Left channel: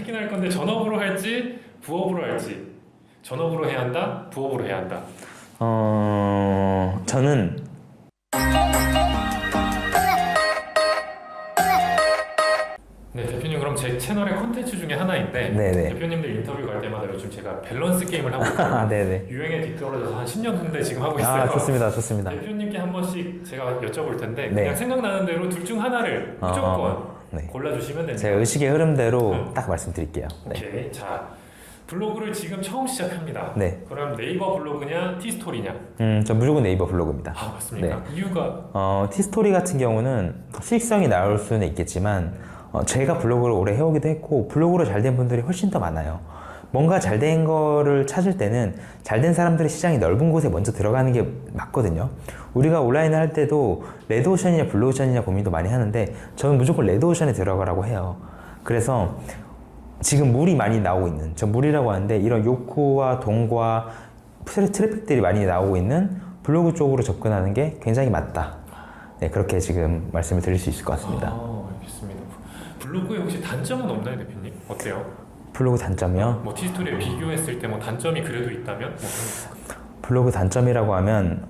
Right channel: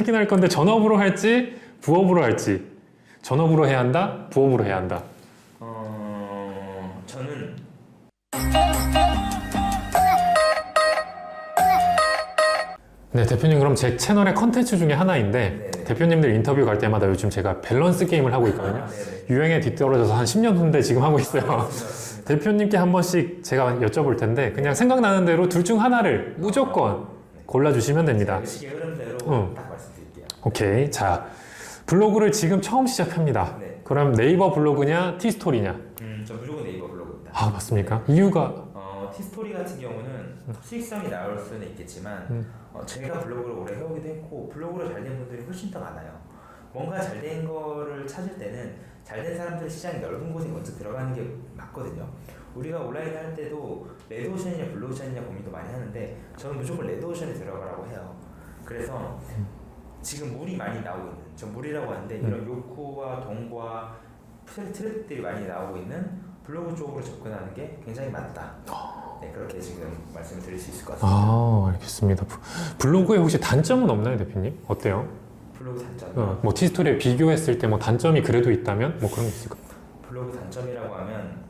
하긴 할 건데 전업으로 할지 부업으로 할지. 전업으로 해야 한다? 부업으로 해야 한다? 저는 네, 대표님 그럼 제 채널의 컨텐츠 중에 하나인데 네네. 대표님들 인터뷰 갈 때마다 요즘 제가 밸런스 게임을 하고 있거든요. 아, 네네. 유행에 뒤떨어져서 한 10년 후인데 지금 하고 있어요. 아, 좋습니다. 대표님께 한 번씩 제가 여쭤볼 텐데 네. 그냥 생각나는 대로 둘 중 하나를 무조건 네. 골라주시면 됩니다. 제가 의식의 흐름대로 딱 말씀드릴게요. 오케이. 자, 블로그를 지금 처음 시작합니다. 네. 그럼 네이버 블로그냐 티스토리냐? 저 무조건 네이버 블로그입니다. 아, 맞습니까? 이유가 티스토리 같은 경우는 수익성이 나올 수는 있겠지만 제가 블로그를 오래 해오기도 했고 블로그로 잘 된 분들이 훨씬 더 많아요. 뭔가 잘 된 거를 찾을 때는 잘 된 사람들의 시장이 넓은 곳에 먼저 들어가는 게 맞거든요. 우리가 온라인을 할 때도 레드오션이냐 블루오션이냐 고민도 많이 하는데 저는 무조건 레드오션에 들어가라고 해요. 그래서 지금 물이 많이 나오고 있는, 저 물이라고 하는데 이런 요코와 동과 트래픽들이 많이 나오고 있는 블로그 쪽으로 접근하는 게 굉장히 맞다. 네, 그렇게 지금 말씀을 드릴 수 있을 것 같습니다. 아, 알겠습니다. 블로그에 혹시 단점은 없나요, 대표님? 어때요? 블로그 단점이요? 뭐 티스토리에 비교했을 때 뭐 단점이 그래도 있다면 뭐 그런 게 있을까요? 블로그 단점이라고 하면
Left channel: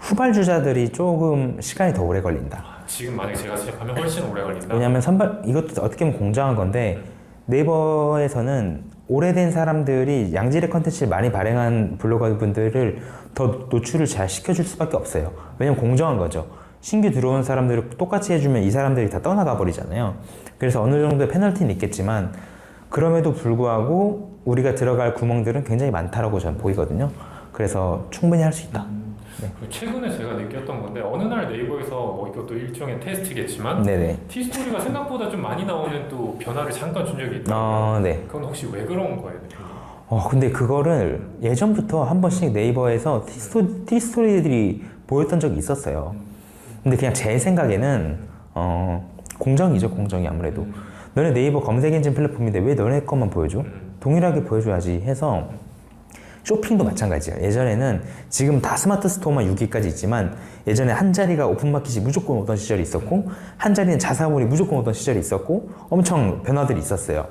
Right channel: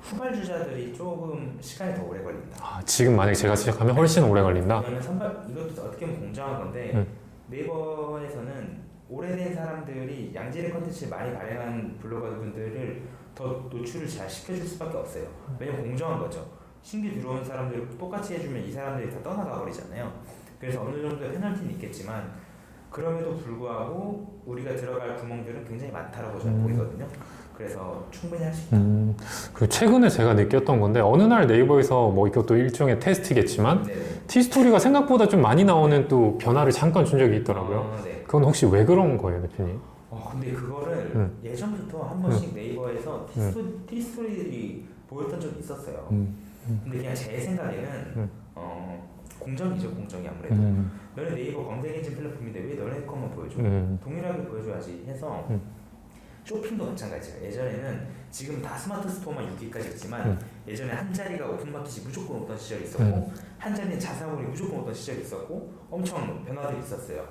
후발주자들이 조금 시간이 더 오래 걸린다. 아, 지금 만약에 제가 시작하면 훨씬 오래 걸린다? 왜냐하면 이것도 어떻게 보면 공정한 건데 네이버에서는 오래된 사람들이 양질의 컨텐츠를 많이 발행한 블로거분들을 더 노출을 잘 시켜줄 수밖에 없어요. 왜냐면 공정한 거죠. 신규 들어온 사람들을 똑같이 해주면 이 사람들이 다 떠나가 버리잖아요. 그래서 어느 정도의 페널티는 있겠지만 그럼에도 불구하고 우리가 들어갈 구멍들은 굉장히 많다라고 저는 보이거든요. 그래서 충분히 할 수 있다. 그리고 최근에 제가 느꼈던 건데 어느 날 네이버에서 뭐 이것도 일종의 테스트겠지만 네네. 티스토리가 생각보다 좀 많이 나오는 또 변화를 잠깐 준 적이 있더라고요. 네. 그건 혹시 왜 그런 거예요, 대표님? 근데 그거를 예전부터 한 번씩 네이버에서 티스토리들이 보였던 적이 있었어요. 근데 그냥 제 생각에는 공정이죠, 공정이 아무래도. 너네 네이버 검색 엔진 플랫폼인데 왜 너네 것만 보여줘? 동일하게 보여줘야지 해서 쇼핑도 마찬가지예요. 예전에는 지금 다 스마트 스토어만 6위까지 있지만 예전에 한 자리가 오픈마켓이 무조건 오던 시절이 있었고 한 자리는 자사몰이 무조건 오던 시절이 있었고 엄청 변화들이 있었어요.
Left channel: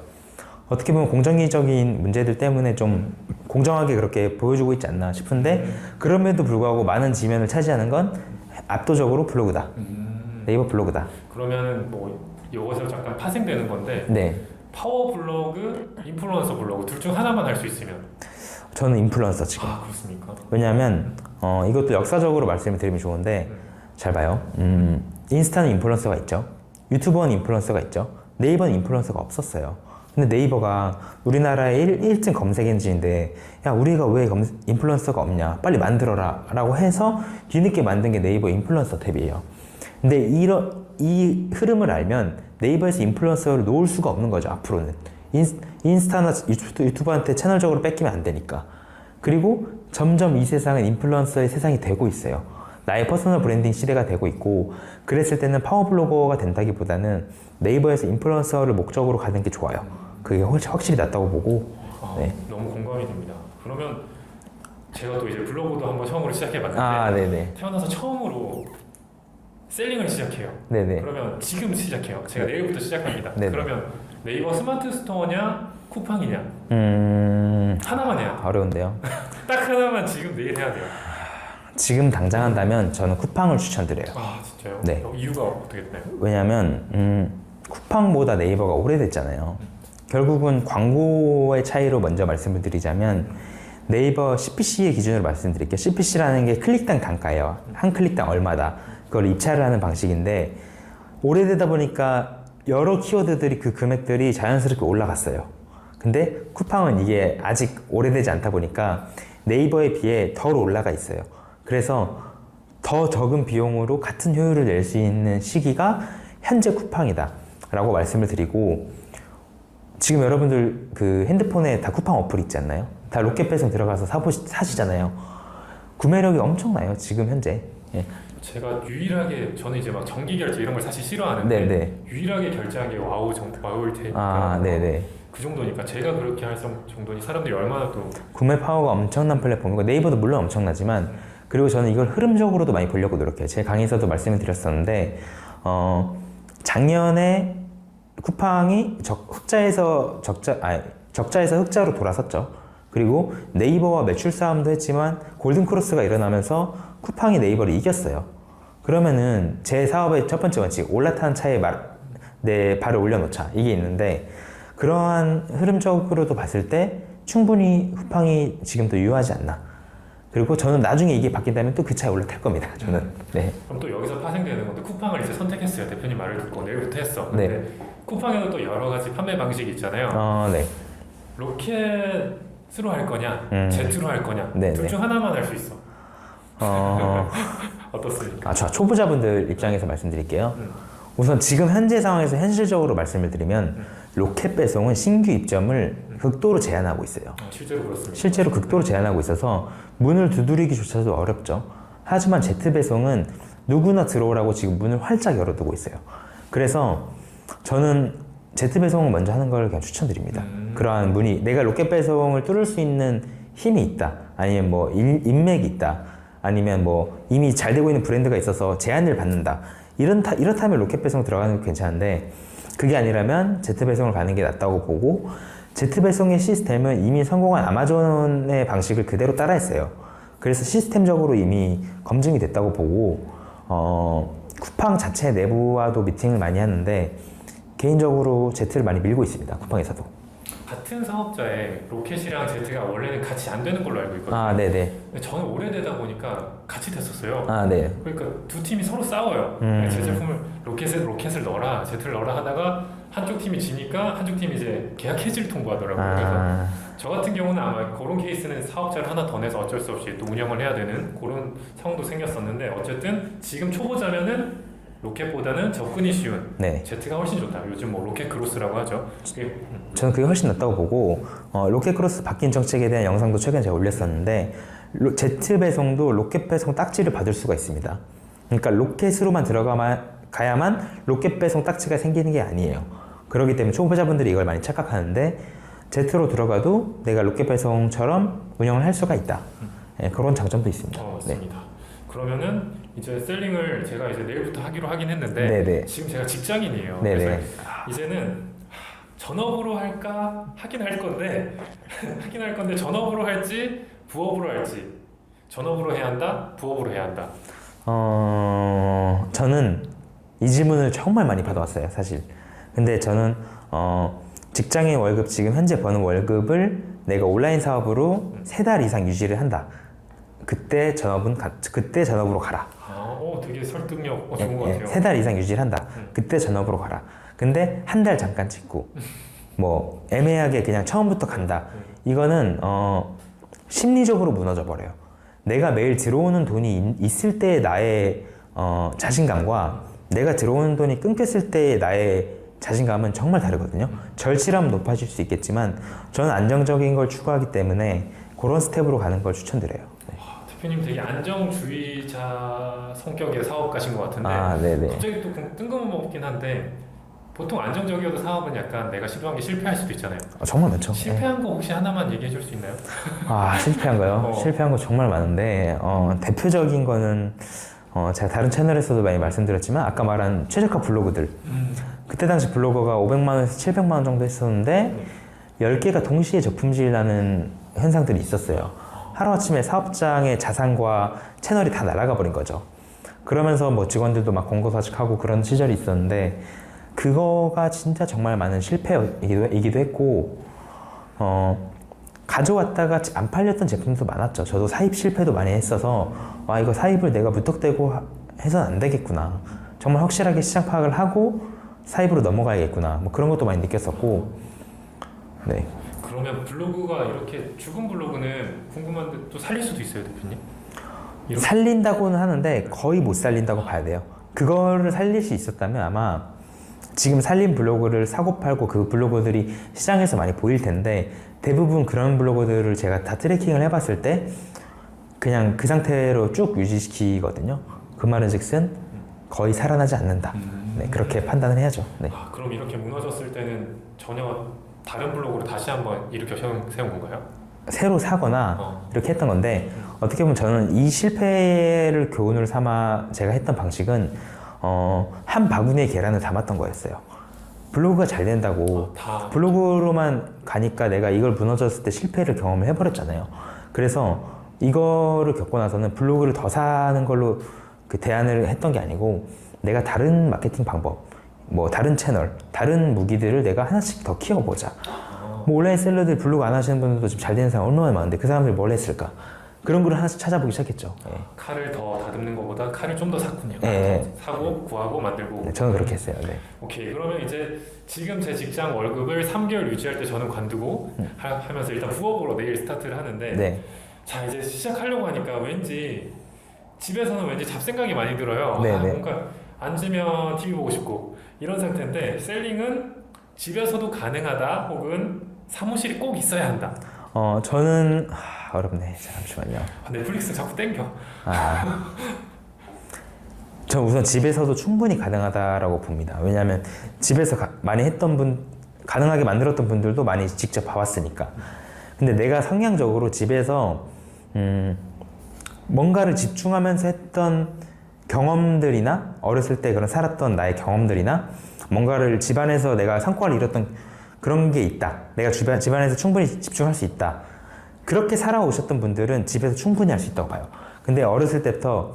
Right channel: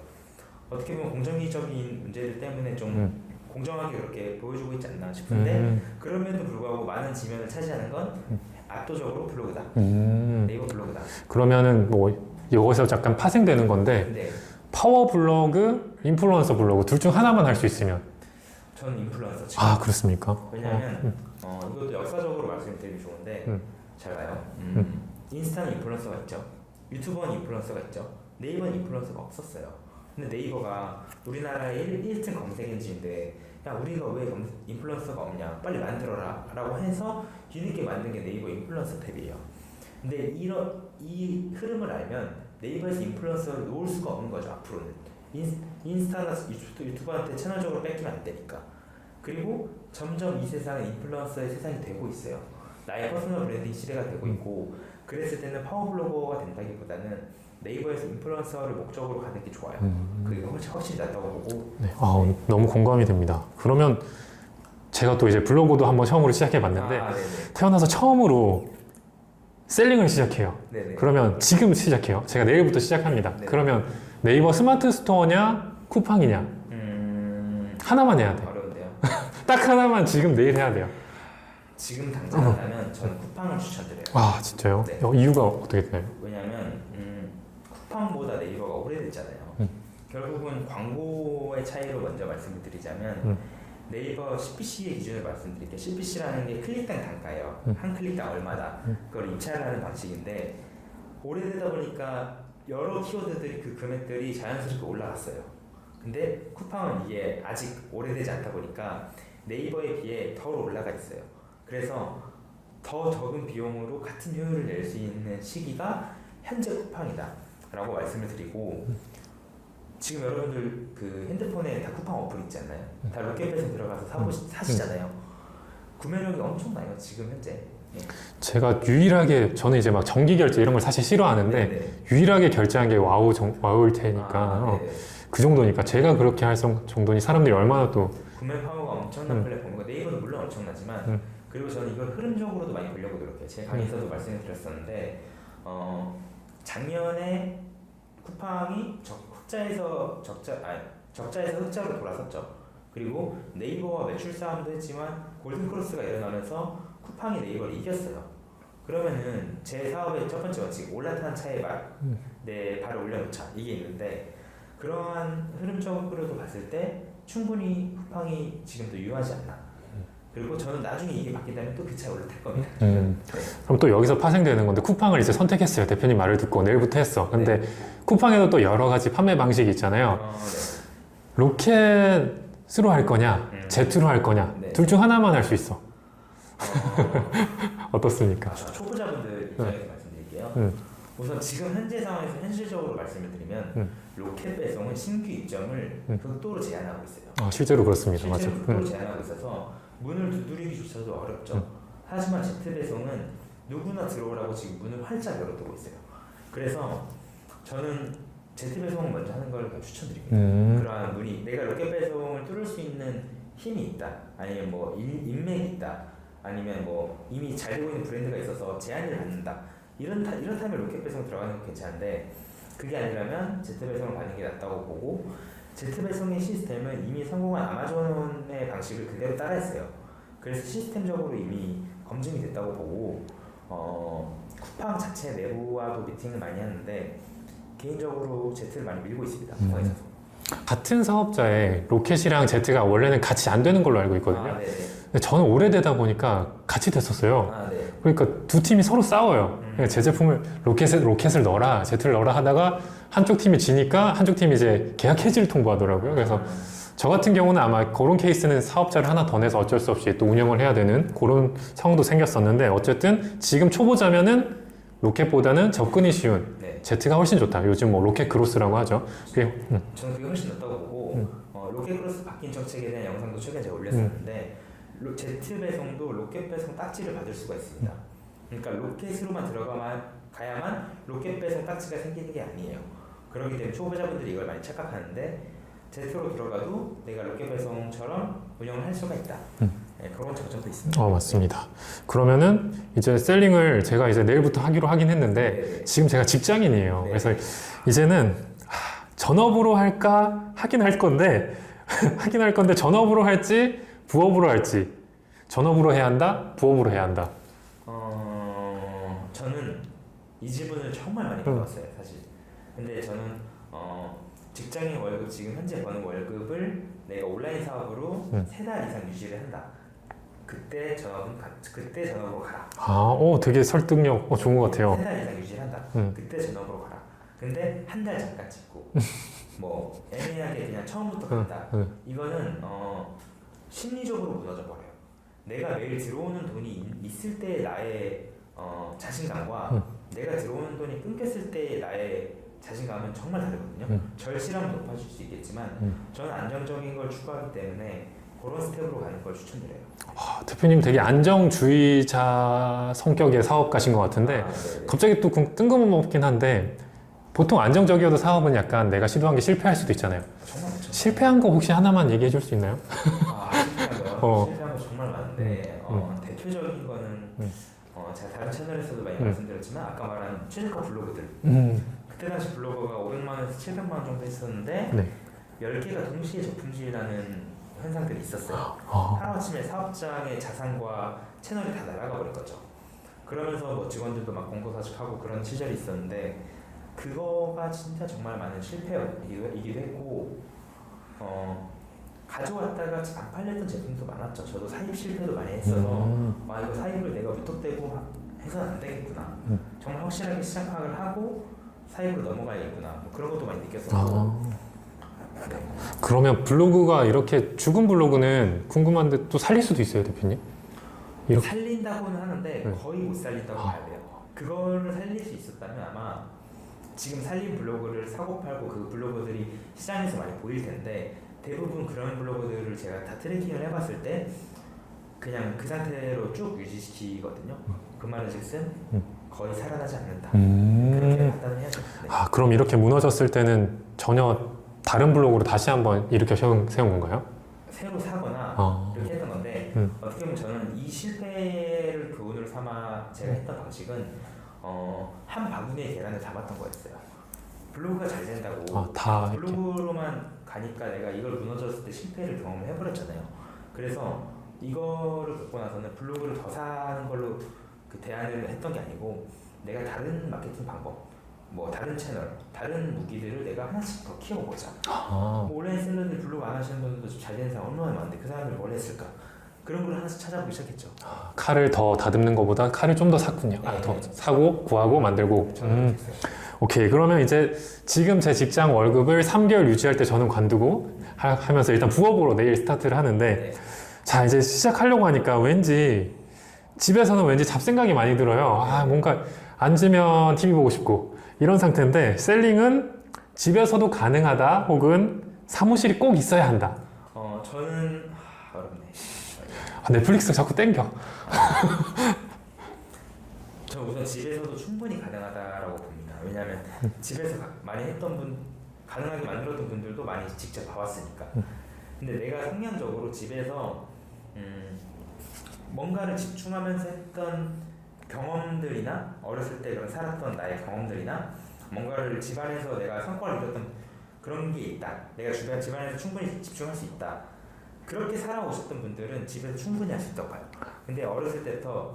어떻게 보면 공정의적인 문제들 때문에 좀 공정하게 그렇게 보여주고 있지 않나 싶은데 그럼에도 불구하고 많은 지면을 차지하는 건 압도적으로 블로그다. 네이버 블로그다. 그러면은 뭐 여기서 잠깐 파생되는 건데 네. 파워 블로그, 인플루언서 블로그 둘 중 하나만 할 수 있으면 저는 인플루언서 지금. 아, 그렇습니까? 왜냐하면 이것도 역사적으로 말씀을 드리면 좋은데 잘 봐요. 인스타는 인플루언서가 있죠. 유튜버는 인플루언서가 있죠. 네이버는 인플루언서가 없었어요. 근데 네이버가 우리나라의 1등 검색 엔진인데 야 우리가 왜 인플루언서가 없냐 빨리 만들어라 라고 해서 뒤늦게 만든 게 네이버 인플루언서 탭이에요. 근데 이 흐름을 알면 네이버에서 인플루언서를 놓을 수가 없는 거죠. 앞으로는 인스타나 유튜브한테 채널적으로 뺏기면 안 되니까. 그리고 점점 이 세상은 인플루언서의 세상이 되고 있어요. 나의 퍼스널 브랜딩 시대가 되고 있고 그랬을 때는 파워블로거가 된다기보다는 네이버에서 인플루언서를 목적으로 가는 게 좋아요. 그게 확실히 낫다고 보고. 네. 너무 공감이 됩니다. 그러면 제가 또 이제 블로그도 한번 처음으로 시작해봤는데 네네. 태어나서 처음으로 셀링을 시작해요. 네네. 그러면 지금 시작해요. 제가 내일부터 시작합니다. 네네. 그러면 네이버 스마트 스토어냐 쿠팡이냐 하나만 해야 돼요. 어려운데요. 딱 하나만 지금 내일 해야 돼요. 지금 당장 한다면 저는 쿠팡을 추천드려요. 아, 진짜요? 네. 이유가 어떻게 되나요? 왜냐면 쿠팡보다 네이버가 오래됐잖아요. 결국은 광고의 차이로 먼저 말씀을 드리자면 네이버 CPC의 기준으로 말씀드릴게요. CPC라는 게 클릭당 단가예요. 한 클릭당 얼마다. 그걸 입찰을 하는 방식인데 오래되다 보니까 여러 키워드들이 그 금액들이 자연스럽게 올라갔어요. 근데 쿠팡은 이게 아직 오래되지 않다 보니까 네이버에 비해 덜 올라가 있어요. 그래서 더 적은 비용으로 같은 효율을 낼 수 있는 시기가 현재 쿠팡이다 라고 말씀을 드리고 지금 여러분들 그 핸드폰에 다 쿠팡 어플 있지 않나요? 다 로켓배송 들어가서 사시잖아요. 구매력이 엄청나요 지금 현재. 예. 제가 유일하게 저는 이제 막 정기 결제 이런 걸 사실 싫어하는데 네네. 유일하게 결제한 게 와우일 테니까 네네. 그 정도니까 제가 그렇게 할 정도니 사람들이 얼마나 또 구매 파워가 엄청난 플랫폼이고 네이버도 물론 엄청나지만 그리고 저는 이걸 흐름적으로도 많이 보려고 노력해요. 제 강의에서도 말씀을 드렸었는데 작년에 쿠팡이 적자에서 흑자로 돌아섰죠. 그리고 네이버와 매출 싸움도 했지만 골든 크로스가 일어나면서 쿠팡이 네이버를 이겼어요. 그러면은 제 사업의 첫 번째 원칙, 올라타는 차에 내 발을 올려놓자, 이게 있는데, 그러한 흐름적으로도 봤을 때 충분히 쿠팡이 지금도 유효하지 않나. 그리고 저는 나중에 이게 바뀐다면 또 그 차에 올라탈 겁니다. 저는. 네. 그럼 또 여기서 파생되는 건데, 쿠팡을 이제 선택했어요. 대표님 말을 듣고 내일부터 했어. 근데 네. 쿠팡에도 또 여러 가지 판매 방식이 있잖아요. 네. 로켓으로 할 거냐, 제트로 할 거냐, 네, 둘 중 하나만 할 수 있어. 어, 어떻습니까? 저 초보자분들 입장에서 말씀드릴게요. 우선 지금 현재 상황에서 현실적으로 말씀을 드리면 로켓 배송은 신규 입점을 극도로 제한하고 있어요. 실제로 그렇습니다. 실제로 맞아요. 극도로 제한하고 있어서 문을 두드리기조차도 어렵죠. 하지만 제트 배송은 누구나 들어오라고 지금 문을 활짝 열어두고 있어요. 그래서 저는 제트 배송을 먼저 하는 걸 그냥 추천드립니다. 그러한 문이, 내가 로켓 배송을 뚫을 수 있는 힘이 있다, 아니면 뭐 인맥이 있다, 아니면 뭐 이미 잘 되고 있는 브랜드가 있어서 제한을 받는다, 이렇다면 로켓 배송 들어가는 게 괜찮은데, 그게 아니라면 제트 배송을 가는 게 낫다고 보고, 제트 배송의 시스템은 이미 성공한 아마존의 방식을 그대로 따라했어요. 그래서 시스템적으로 이미 검증이 됐다고 보고, 쿠팡 자체 내부와도 미팅을 많이 하는데 개인적으로 제트를 많이 밀고 있습니다. 쿠팡에서도. 같은 사업자에 로켓이랑 제트가 원래는 같이 안 되는 걸로 알고 있거든요. 네네. 근데 저는 오래되다 보니까 같이 됐었어요. 네. 그러니까 두 팀이 서로 싸워요. 제 제품을 로켓을 넣어라, 제트를 넣어라 하다가 한쪽 팀이 지니까 한쪽 팀이 이제 계약 해지를 통보하더라고요. 그래서 저 같은 경우는 아마 그런 케이스는 사업자를 하나 더 내서 어쩔 수 없이 또 운영을 해야 되는 그런 상황도 생겼었는데, 어쨌든 지금 초보자면은 로켓보다는 접근이 쉬운 제트가 훨씬 좋다. 요즘 뭐 로켓 크로스라고 하죠. 저는 그게 훨씬 낫다고 보고, 로켓 크로스 바뀐 정책에 대한 영상도 최근에 제가 올렸었는데, 제트 배송도 로켓 배송 딱지를 받을 수가 있습니다. 그러니까 로켓으로만 가야만 로켓 배송 딱지가 생기는 게 아니에요. 그렇기 때문에 초보자분들이 이걸 많이 착각하는데, 제트로 들어가도 내가 로켓 배송처럼 운영을 할 수가 있다. 그런 장점도 있습니다. 맞습니다. 그러면은 이제 셀링을 제가 이제 내일부터 하기로 하긴 했는데, 지금 제가 직장인이에요. 그래서 이제는 전업으로 할까 하긴 할 건데 전업으로 할지 부업으로 할지, 전업으로 해야 한다, 부업으로 해야 한다. 저는 이 질문을 정말 많이 받아왔어요, 사실. 근데 저는 직장인 월급, 지금 현재 버는 월급을 내가 온라인 사업으로 3달 이상 유지를 한다. 그때 전업으로 가라. 되게 설득력 좋은 것 같아요. 3달 이상 유지를 한다. 그때 전업으로 가라. 근데 한 달 잠깐 찍고 뭐 애매하게 그냥 처음부터 간다. 이거는 심리적으로 무너져 버려요. 내가 매일 들어오는 돈이 있을 때의 나의 자신감과 내가 들어오는 돈이 끊겼을 때의 나의 자신감은 정말 다르거든요. 절실함은 높아질 수 있겠지만 저는 안정적인 걸 추구하기 때문에 그런 스텝으로 가는 걸 추천드려요. 대표님 되게 안정주의자 성격의 사업가신 것 같은데, 갑자기 또 뜬금없긴 한데, 보통 안정적이어도 사업은 약간 내가 시도한 게 실패할 수도 있잖아요. 정말 많죠. 실패한 거 혹시 하나만 얘기해 줄 수 있나요? 실패한 거요? 실패한 거 정말 많은데 대표적인 거는 제가 다른 채널에서도 많이 말씀드렸지만, 아까 말한 최저가 블로그들, 그때 당시 블로거가 500만 원에서 700만 원 정도 했었는데 10개가 동시에 저품질 나는 현상들이 있었어요. 하루아침에 사업장의 자산과 채널이 다 날아가 버린 거죠. 그러면서 뭐 직원들도 막 공고사직하고 그런 시절이 있었는데, 그거가 진짜 정말 많은 실패이기도 했고, 가져왔다가 안 팔렸던 제품도 많았죠. 저도 사입 실패도 많이 했어서 이거 사입을 내가 무턱대고 해서는 안 되겠구나. 정말 확실하게 시장 파악을 하고 사입으로 넘어가야겠구나. 뭐 그런 것도 많이 느꼈었고. 그러면 블로그가 이렇게 죽은 블로그는 궁금한데 또 살릴 수도 있어요, 대표님? 살린다고는 하는데 거의 못 살린다고 봐야 돼요. 그거를 살릴 수 있었다면 아마 지금 살린 블로그를 사고 팔고 그 블로거들이 시장에서 많이 보일 텐데, 대부분 그런 블로거들을 제가 다 트래킹을 해봤을 때 그냥 그 상태로 쭉 유지시키거든요. 그 말은 즉슨 거의 살아나지 않는다. 그렇게 판단을 해야죠. 그럼 이렇게 무너졌을 때는 전혀 다른 블로그로 다시 한번 일으켜 세운 건가요? 새로 사거나 이렇게 했던 건데, 어떻게 보면 저는 이 실패를 교훈을 삼아 제가 했던 방식은 한 바구니에 계란을 담았던 거였어요. 블로그가 잘 된다고 다 블로그로만 가니까 내가 이걸 무너졌을 때 실패를 경험을 해버렸잖아요. 그래서 이거를 겪고 나서는 블로그를 더 사는 걸로 그 대안을 했던 게 아니고 내가 다른 마케팅 방법, 뭐 다른 채널, 다른 무기들을 내가 하나씩 더 키워보자. 뭐 온라인 셀러들 블로그 안 하시는 분들도 지금 잘 되는 사람 얼마나 많은데 그 사람들이 뭘 했을까? 그런 걸 하나씩 찾아보기 시작했죠. 칼을 더 다듬는 것보다 칼을 좀 더 샀군요. 네. 더 사고 구하고 만들고. 네, 저는 그렇게 했어요. 네. 오케이, 그러면 이제 지금 제 직장 월급을 3개월 유지할 때 저는 관두고 하면서 일단 부업으로 내일 스타트를 하는데 네. 자 이제 시작하려고 하니까 왠지 집에서는 왠지 잡생각이 많이 들어요. 네, 네. 뭔가 앉으면 TV 보고 싶고 이런 상태인데 셀링은 집에서도 가능하다 혹은 사무실이 꼭 있어야 한다. 저는 어렵네. 잠시만요. 넷플릭스 자꾸 땡겨. 저는 우선 집에서도 충분히 가능하다라고 봅니다. 왜냐하면 집에서 많이 했던 가능하게 만들었던 분들도 많이 직접 봐왔으니까. 근데 내가 성향적으로 집에서 뭔가를 집중하면서 했던 경험들이나 어렸을 때 그런 살았던 나의 경험들이나 뭔가를 집안에서 내가 성과를 이뤘던 그런 게 있다. 내가 집안에서 충분히 집중할 수 있다. 그렇게 살아오셨던 분들은 집에서 충분히 할 수 있다고 봐요. 근데 어렸을 때부터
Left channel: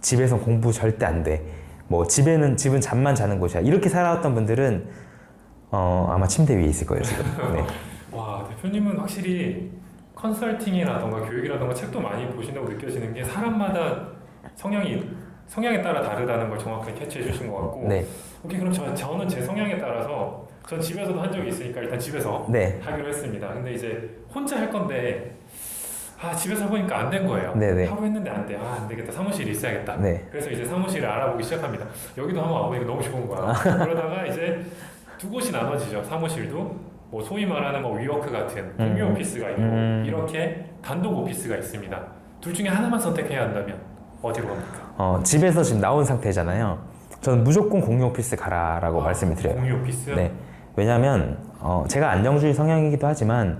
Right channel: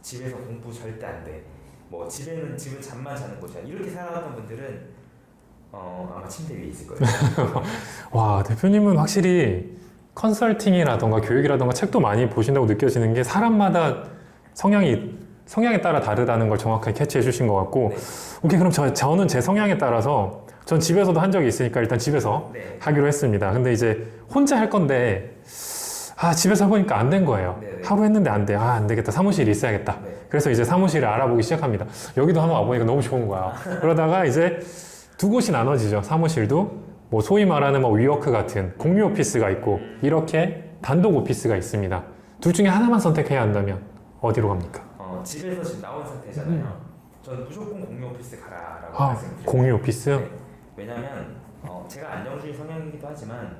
집에서 공부 절대 안 돼. 뭐 집은 잠만 자는 곳이야. 이렇게 살아왔던 분들은 아마 침대 위에 있을 거예요. 네. 와, 대표님은 확실히 컨설팅이라던가 교육이라던가 책도 많이 보신다고 느껴지는 게 사람마다 성향에 따라 다르다는 걸 정확하게 캐치해 주신 것 같고. 네. 오케이, 그럼 저는 제 성향에 따라서 전 집에서도 한 적이 있으니까 일단 집에서 네. 하기로 했습니다. 근데 이제 혼자 할 건데 집에서 해보니까 안 된 거예요. 네네. 하고 했는데 안 돼. 안 되겠다. 사무실이 있어야겠다. 네. 그래서 이제 사무실을 알아보기 시작합니다. 여기도 한번 와보니까 너무 좋은 거야. 그러다가 이제 두 곳이 나눠지죠. 사무실도 뭐 소위 말하는 뭐 위워크 같은 공유 오피스가 있고 이렇게 단독 오피스가 있습니다. 둘 중에 하나만 선택해야 한다면 어디로 갑니까? 집에서 지금 나온 상태잖아요. 저는 무조건 공유 오피스 가라라고 말씀을 드려요. 공유 오피스? 네. 왜냐하면 제가 안정주의 성향이기도 하지만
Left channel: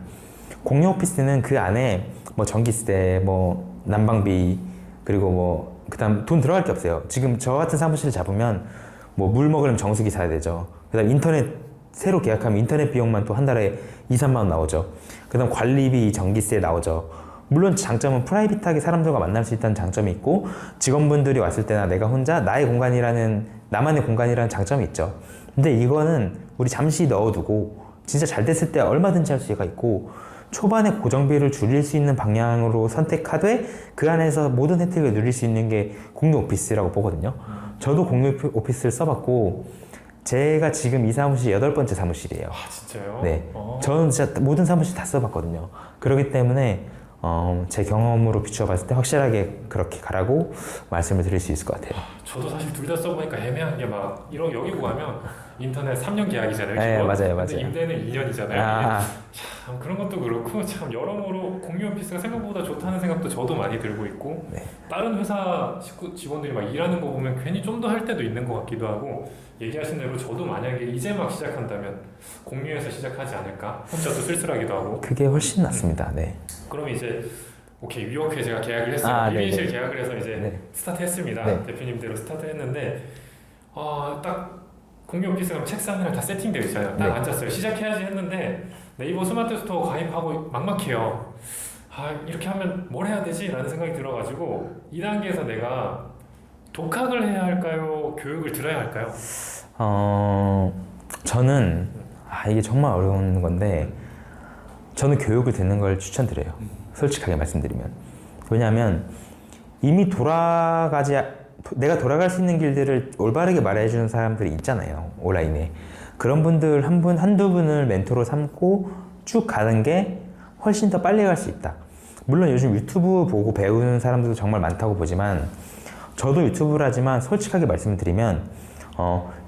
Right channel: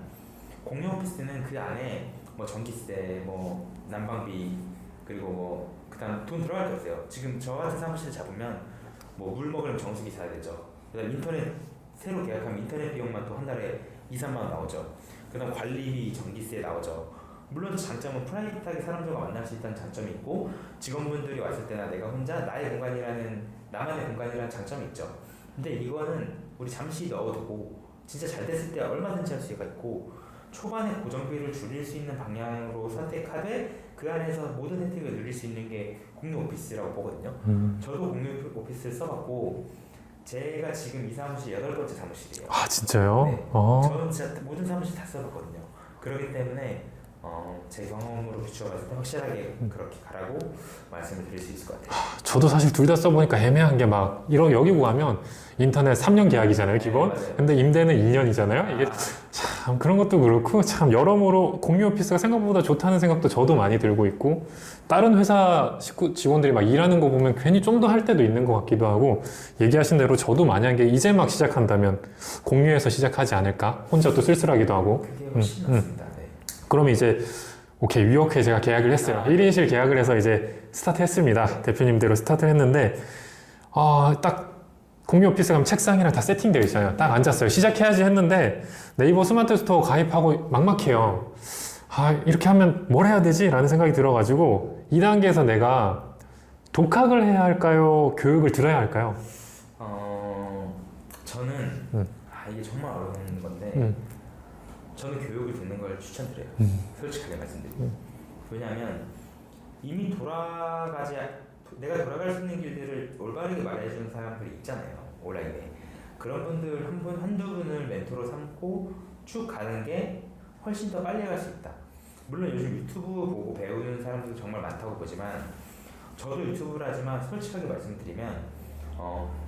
공유 오피스는 그 안에 뭐 전기세, 뭐 난방비 그리고 뭐 그다음 돈 들어갈 게 없어요. 지금 저 같은 사무실을 잡으면 뭐 물 먹으려면 정수기 사야 되죠. 그다음 인터넷 새로 계약하면 인터넷 비용만 또 한 달에 2, 3만 원 나오죠. 그다음 관리비, 전기세 나오죠. 물론 장점은 프라이빗하게 사람들과 만날 수 있다는 장점이 있고 직원분들이 왔을 때나 내가 혼자 나만의 공간이라는 장점이 있죠. 근데 이거는 우리 잠시 넣어두고 진짜 잘 됐을 때 얼마든지 할 수가 있고 초반에 고정비를 줄일 수 있는 방향으로 선택하되 그 안에서 모든 혜택을 누릴 수 있는 게 공유 오피스라고 보거든요. 저도 공유 오피스를 써봤고 제가 지금 이 사무실이 8번째 사무실이에요. 아, 진짜요? 네. 저는 진짜 모든 사무실 다 써봤거든요. 그렇기 때문에 제 경험으로 비추어 봤을 때 확실하게 그렇게 가라고 말씀을 드릴 수 있을 것 같아요. 저도 사실 둘 다 써보니까 애매한 게 막 여기 구하면 인터넷 3년 계약이잖아요, 기본. 맞아요. 근데 임대는 1년이잖아요. 이게 아, 참 그런 것도 그렇고 참 여러모로 공유 오피스가 생각보다 좋다는 생각도 저도 많이 들고 있고 네. 다른 회사 직원들이 막 일하는 거 보면 괜히 좀 더 할 때도 있는 것 같기도 하고 얘기하신 대로 저도 만약에 이제 막 시작한다면 공유해서 시작하지 않을까? 혼자 또 쓸쓸하기도 하고. 그게 훨씬 낫습니다. 네. 그럼 이제 오케이 위워크에 제가 계약을 했어요. 아, 1인실 계약을 해서 이제 네. 스타트했습니다. 네. 대표님대로 스타트했는데 딱 공유 오피스 가면 책상이랑 다 세팅되어 있어요. 딱 네. 앉았어요. 시작해야지 했는데 네이버 스마트 스토어 가입하고 막막해요. 이렇게 하면 뭘 해야 되지? 라는 생각이 들어가지고 2단계에서 내가 독학을 해야 할까요? 교육을 들어야 할까요? 저는 이게 정말 어려운 건데 저는 교육을 듣는 걸 추천드려요. 솔직하게 말씀드리면. 왜냐하면 이미 내가 돌아갈 수 있는 길들을 올바르게 말해주는 사람들이 있잖아요. 온라인에. 그런 분들 한두 분을 멘토로 삼고 쭉 가는 게 훨씬 더 빨리 갈 수 있다. 물론 요즘 유튜브 보고 배우는 사람들도 정말 많다고 보지만 저도 유튜브를 하지만 솔직하게 말씀드리면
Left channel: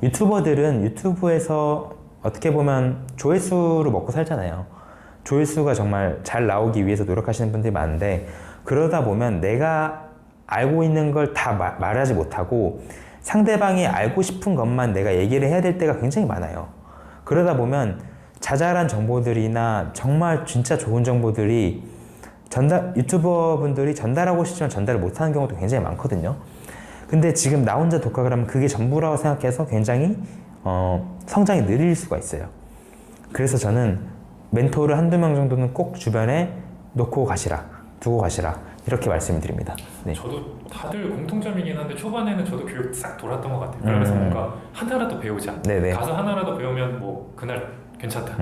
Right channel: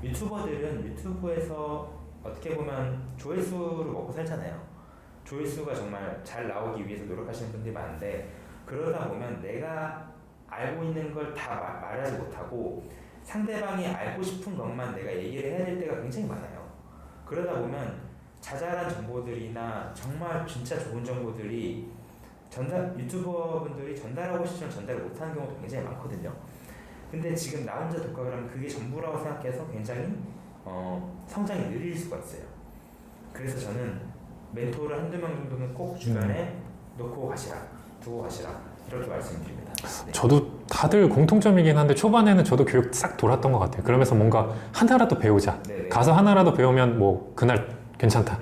유튜버들은 유튜브에서 어떻게 보면 조회수로 먹고 살잖아요. 조회수가 정말 잘 나오기 위해서 노력하시는 분들이 많은데 그러다 보면 내가 알고 있는 걸 다 말하지 못하고 상대방이 알고 싶은 것만 내가 얘기를 해야 될 때가 굉장히 많아요. 그러다 보면 자잘한 정보들이나 정말 진짜 좋은 정보들이 유튜버 분들이 전달하고 싶지만 전달을 못하는 경우도 굉장히 많거든요. 근데 지금 나 혼자 독학을 하면 그게 전부라고 생각해서 굉장히 성장이 느릴 수가 있어요. 그래서 저는 멘토를 한두 명 정도는 꼭 주변에 놓고 가시라, 두고 가시라 이렇게 말씀을 드립니다. 네. 저도 다들 공통점이긴 한데 초반에는 저도 교육 싹 돌았던 것 같아요. 그러면서 뭔가 하나라도 배우자. 네네. 가서 하나라도 배우면 뭐 그날 괜찮다.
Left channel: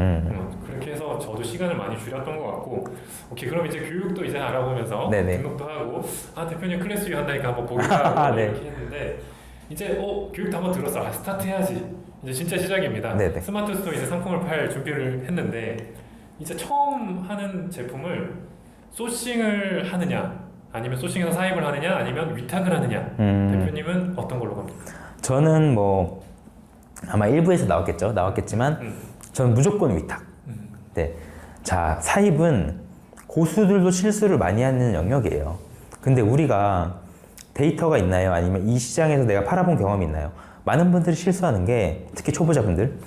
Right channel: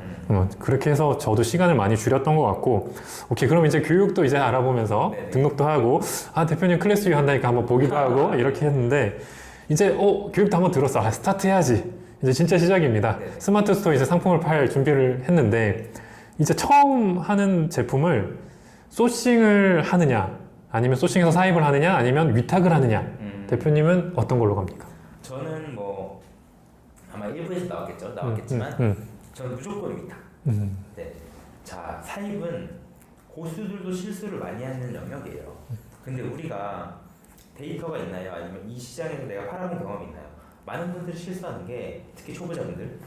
그렇게 해서 저도 시간을 많이 줄였던 것 같고, 오케이, 그럼 이제 교육도 이제 알아보면서 네네. 등록도 하고, 아, 대표님 클래스 유 한다니까 한번 보기도 하고, 네. 이렇게 했는데, 이제, 교육도 한번 들었어. 아, 스타트 해야지. 이제 진짜 시작입니다. 네네. 스마트 스토어 이제 상품을 팔 준비를 했는데, 이제 처음 하는 제품을 소싱을 하느냐, 아니면 소싱해서 사입을 하느냐, 아니면 위탁을 하느냐. 대표님은 어떤 걸로 갑니까? 저는 뭐 아마 일부에서 나왔겠지만 저는 무조건 위탁. 네. 자, 사입은 고수들도 실수를 많이 하는 영역이에요. 근데 우리가 데이터가 있나요? 아니면 이 시장에서 내가 팔아본 경험이 있나요? 많은 분들이 실수하는 게, 특히 초보자분들,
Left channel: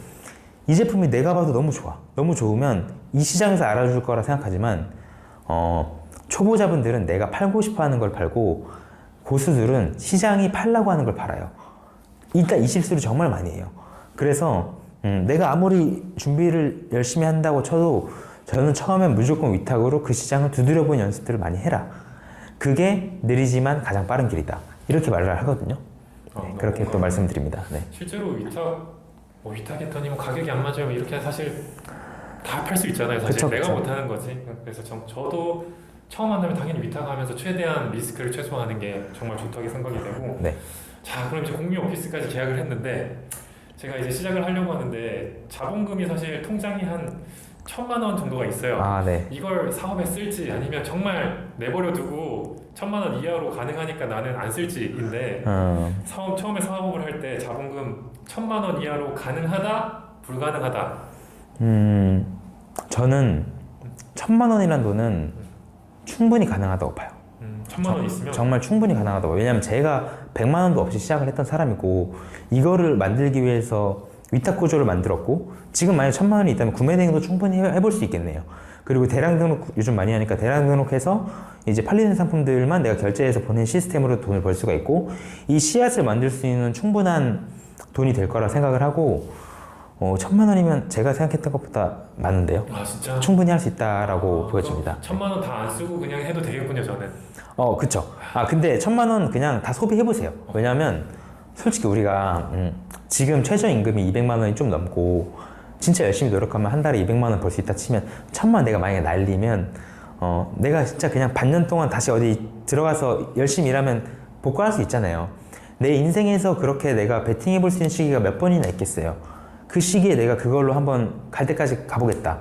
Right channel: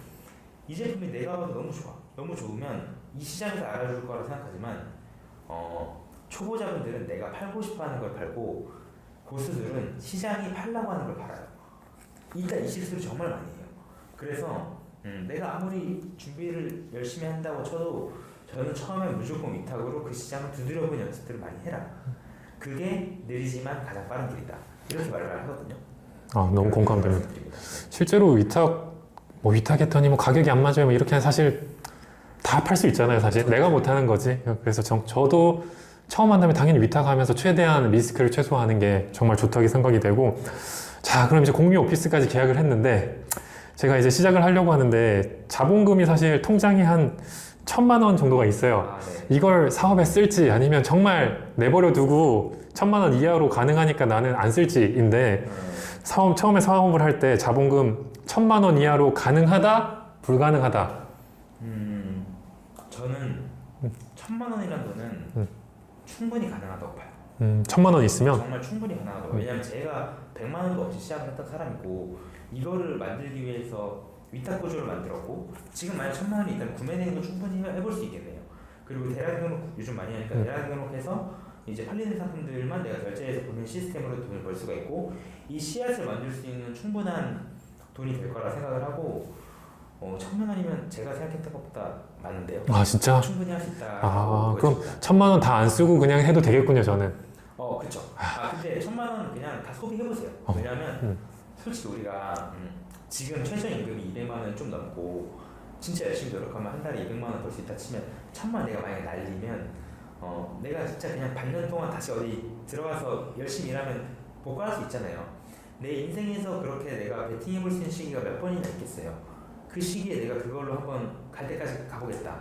이 제품이 내가 봐도 너무 좋아. 너무 좋으면 이 시장에서 알아줄 거라 생각하지만, 초보자분들은 내가 팔고 싶어 하는 걸 팔고, 고수들은 시장이 팔라고 하는 걸 팔아요. 일단 이 실수를 정말 많이 해요. 그래서 내가 아무리 준비를 열심히 한다고 쳐도 저는 처음엔 무조건 위탁으로 그 시장을 두드려본 연습들을 많이 해라. 그게 느리지만 가장 빠른 길이다. 이렇게 말을 하거든요. 너무 그렇게 공감 말씀드립니다. 네. 실제로 위탁했더니 뭐 가격이 안 맞아요. 뭐 이렇게 사실 다 팔 수 있잖아요. 사실 그쵸, 내가 그쵸. 못하는 거지. 그래서 저도 처음 만나면 당연히 위탁하면서 최대한 리스크를 최소화하는 게 정말 좋다고 생각이 되고. 네. 자, 그럼 이제 공유 오피스까지 계약을 했는데 제가 이제 시작을 하려고 하는데 자본금이 사실 통장이 한 1,000만 원 정도가 있어요. 아, 네. 이걸 사업에 쓸지 아니면 정말 내버려 두고 1,000만 원 이하로 가능하니까 나는 안 쓸지인데 처음에 사업을 할 때 자본금 1,000만 원 이하로 가능하다, 불가능하다. 저는 1,000만 원이라는 돈은 충분히 가능하다고 봐요. 1,000만 원 있으면 정말 충분히 가능하다고. 왜냐면 제가 100만 원도 없이 시작을 했던 사람이고, 이거를 만들기 위해서 위탁 구조를 만들었고, 지금 만약 1,000만 원이 있다면 구매 대행도 충분히 해볼 수 있겠네요. 그리고 대량 등록 요즘 많이 하니까 대량 등록해서 이제 팔리는 상품들만 내가 결제해서 보낸 시스템으로 돈을 벌 수가 있고, 이 씨앗을 만들 수 있는 충분한 돈이 될 거라 생각을 하고, 1,000만 원이면 제가 생각했던 것보다 많은데요. 아, 진짜? 충분히 할 수 있다라고 보여집니다. 1,000만 원 다 안 쓰고 그냥 해도 되겠군요, 저는. 그쵸. 근데 1,000만 원 그냥 다 소비해보세요. 왜냐면, 솔직히 우리가, 지금 최저임금이 200만 원이 좀 넘고, 진짜 열심히 노력하면 한 달에 200만 원 벌 수 있다 치면, 1,000만 원 내가 만약에 날리면, 내가 진짜 그냥 반년 동안 다시 어디 들어가서 열심히 일하면 복구할 수 있잖아요. 내 인생에서 그렇게 내가 베팅해볼 수 있는 시기가 몇 번이나 있겠어요. 그 시기에 내가 그걸로 한번 갈 때까지 가보겠다.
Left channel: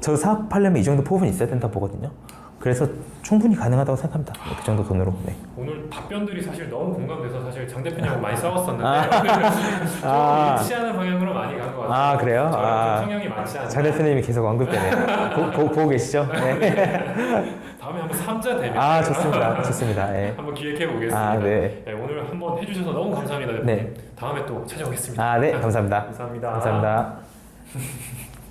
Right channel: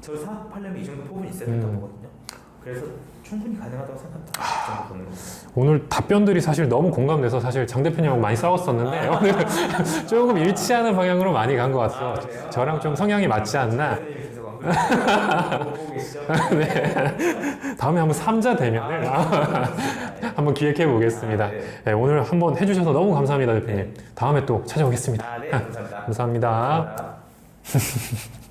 저 사업하려면 이 정도 포부는 있어야 된다고 보거든요. 그래서 충분히 가능하다고 생각합니다. 그 정도 돈으로. 네. 오늘 답변들이 사실 너무 공감돼서 사실 장 대표님하고 많이 싸웠었는데 오늘은 조금 일치하는 방향으로 많이 간 것 같아요. 그래요? 저랑 좀 성향이 맞지 장 않나. 대표님이 계속 언급되네요. 보고 계시죠? 네. 다음에 한번 3자 되면 좋습니다. 좋습니다. 네. 한번 기획해 보겠습니다. 네. 오늘 한번 해주셔서 너무 감사합니다, 대표님. 네. 다음에 또 찾아오겠습니다. 네. 감사합니다. 감사합니다. 감사합니다.